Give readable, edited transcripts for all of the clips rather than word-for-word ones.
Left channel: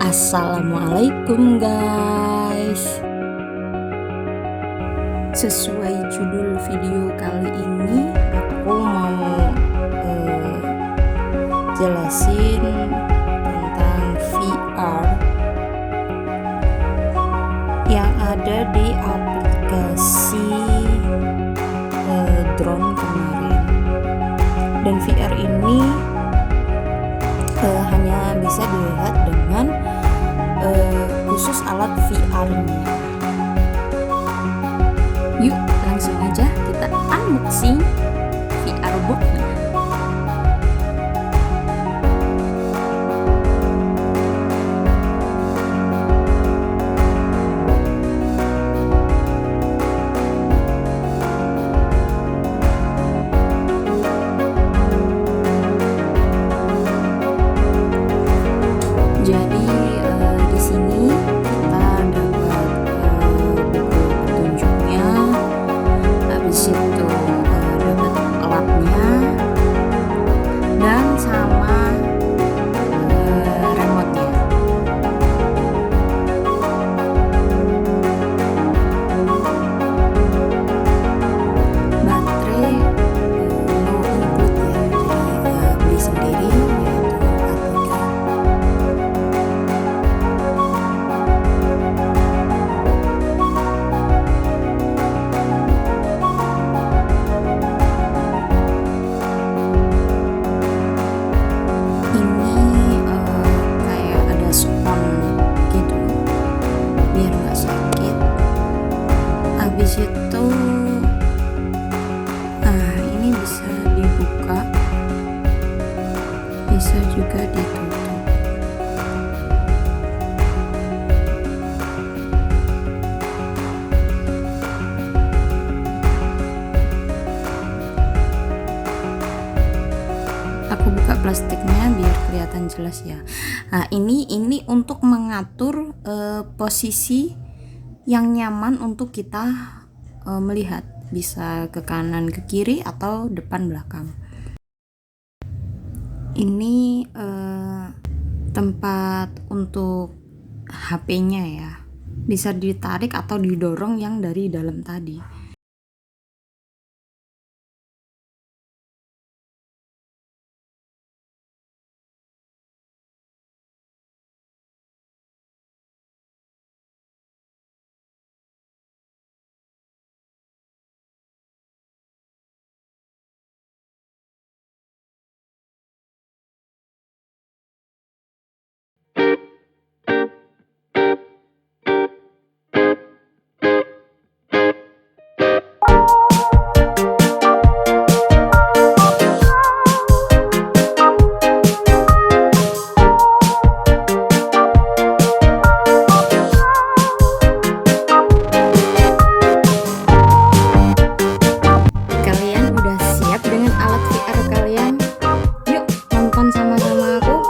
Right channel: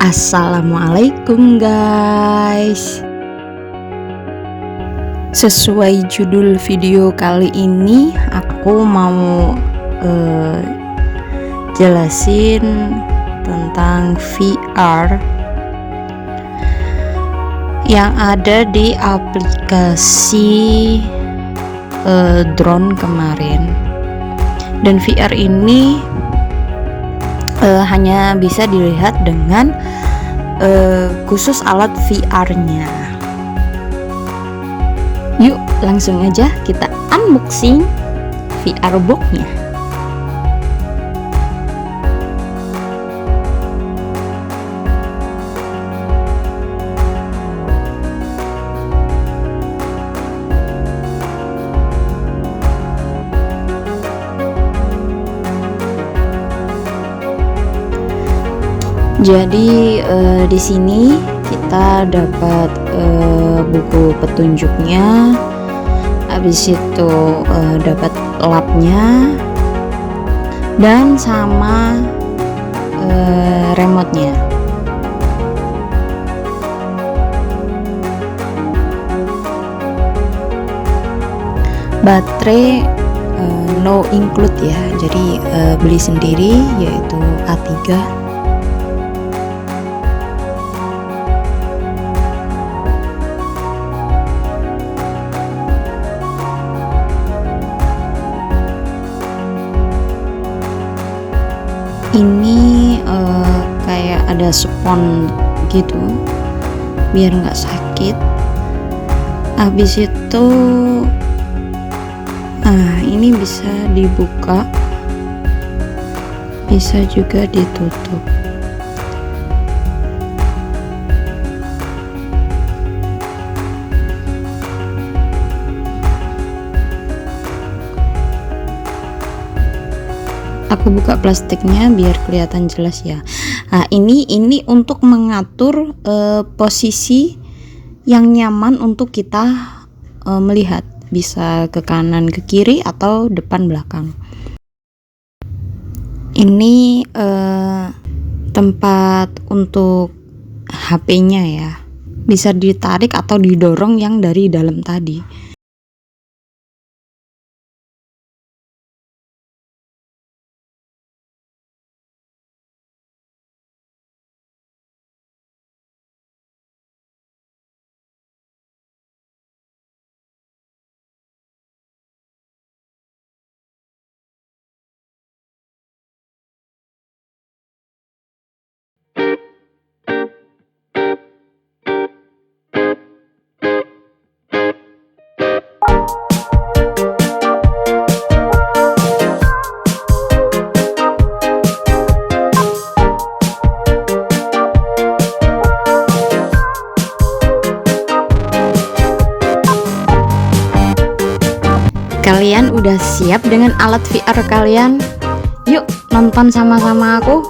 Assalamualaikum guys. Sesuai judul video kali ini, aku mau jelasin tentang VR yang ada di aplikasi drone kemarin. Dan VR ini hanya bisa dilihat dengan khusus alat VR-nya. Yuk langsung aja kita unboxing VR box-nya. Jadi di sini kita dapat buku petunjuknya, habis itu dapat labnya dan sama remotnya. Baterai no include ya, jadi beli sendiri, yaitu A3. Ini kayak ada spons gitu biar nggak sakit. Habis itu ini bisa dibuka, bisa juga ditutup. Aku buka plastiknya biar kelihatan jelas ya. Nah, ini untuk mengatur posisi yang nyaman untuk kita melihat, bisa ke kanan, ke kiri, atau depan belakang. Ini tempat untuk HP-nya ya, bisa ditarik atau didorong yang dari dalam tadi. Kalian udah siap dengan alat VR kalian? Yuk nonton sama-sama aku.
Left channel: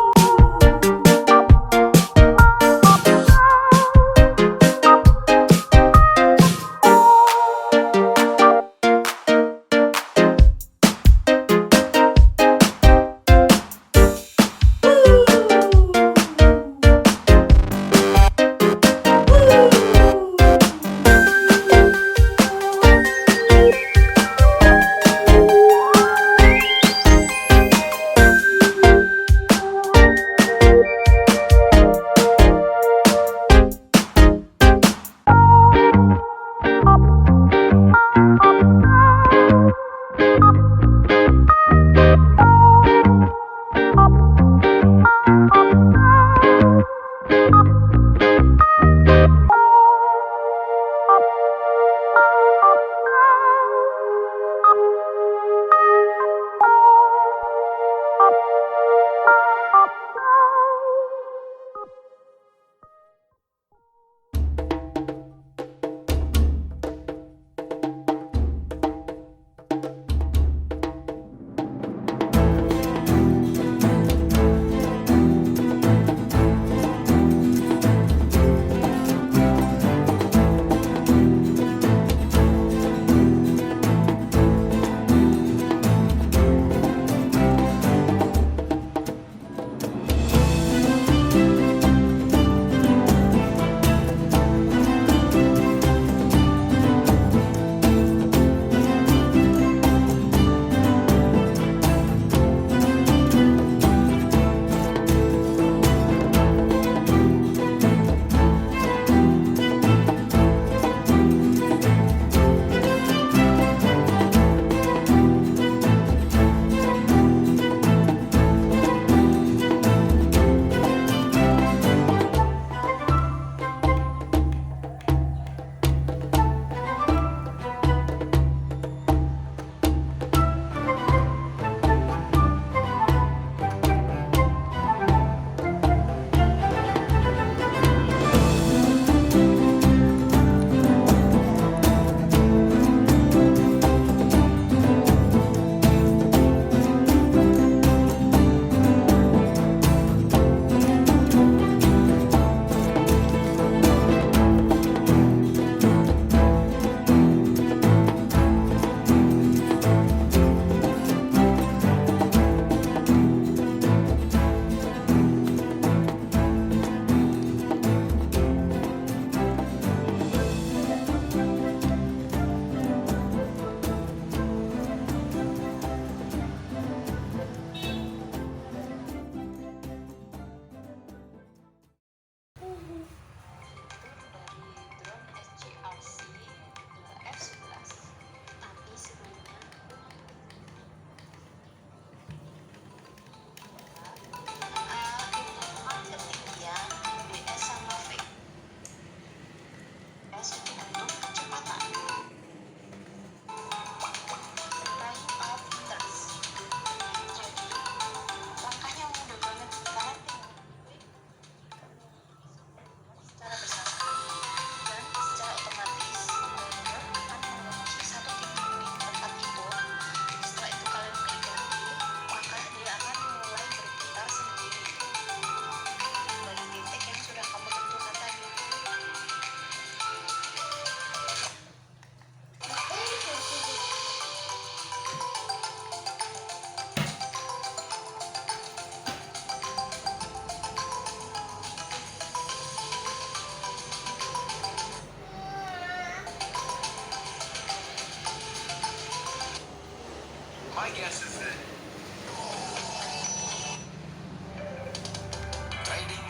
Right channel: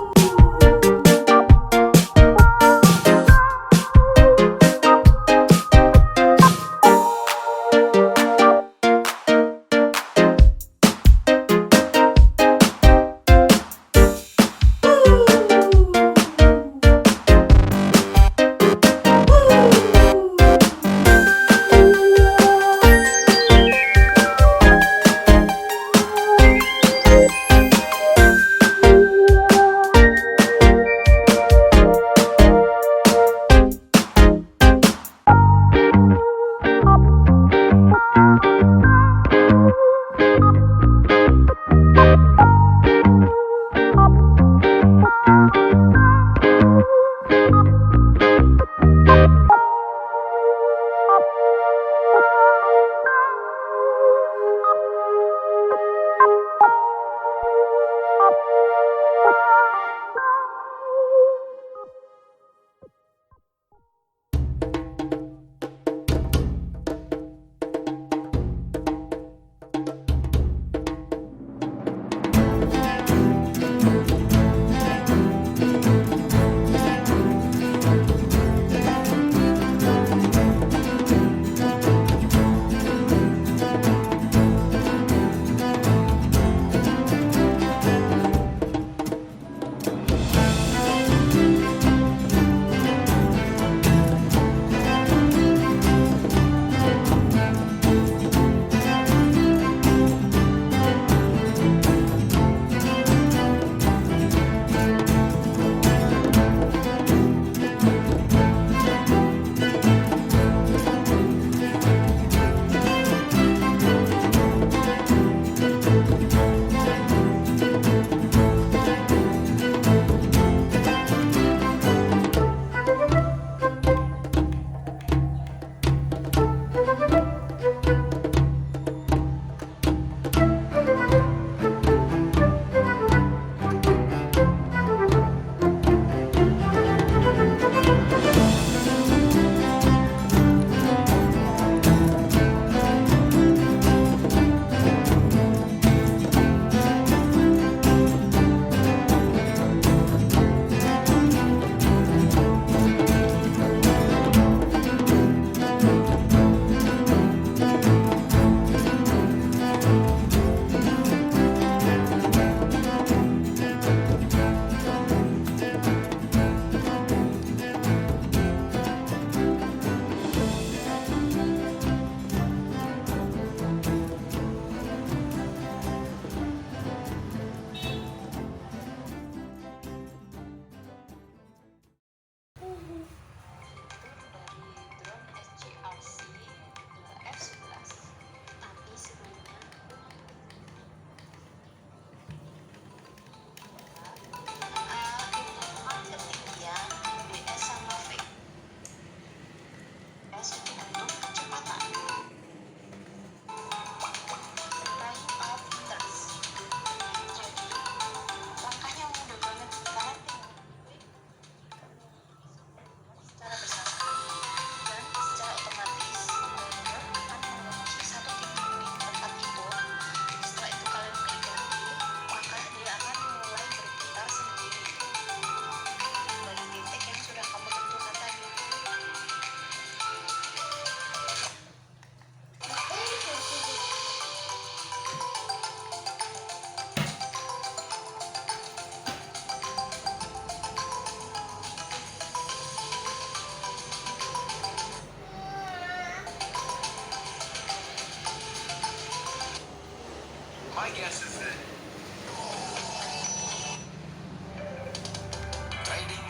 Trading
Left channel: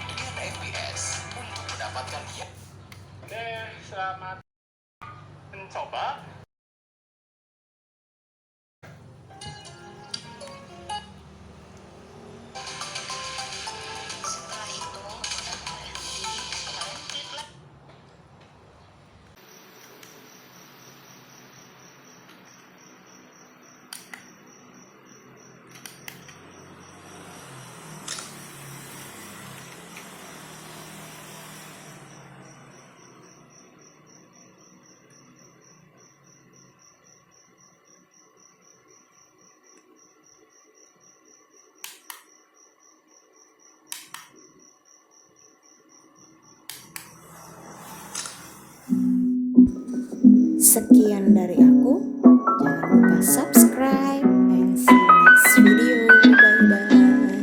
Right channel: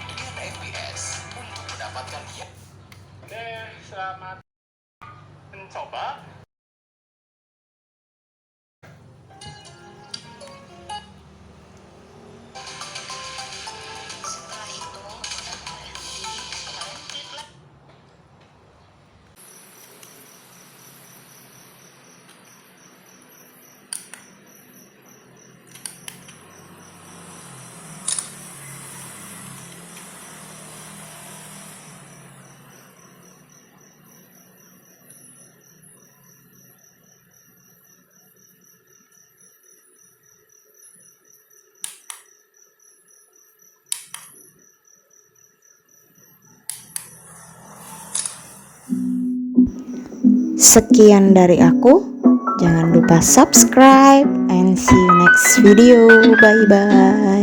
dengan FPS untuk mendapatkan ya. Oke, selamat mencoba. Setelah itu berhenti, kalian klik lagi. Sekian dari aku. Jangan lupa subscribe and see you next video. Bye bye.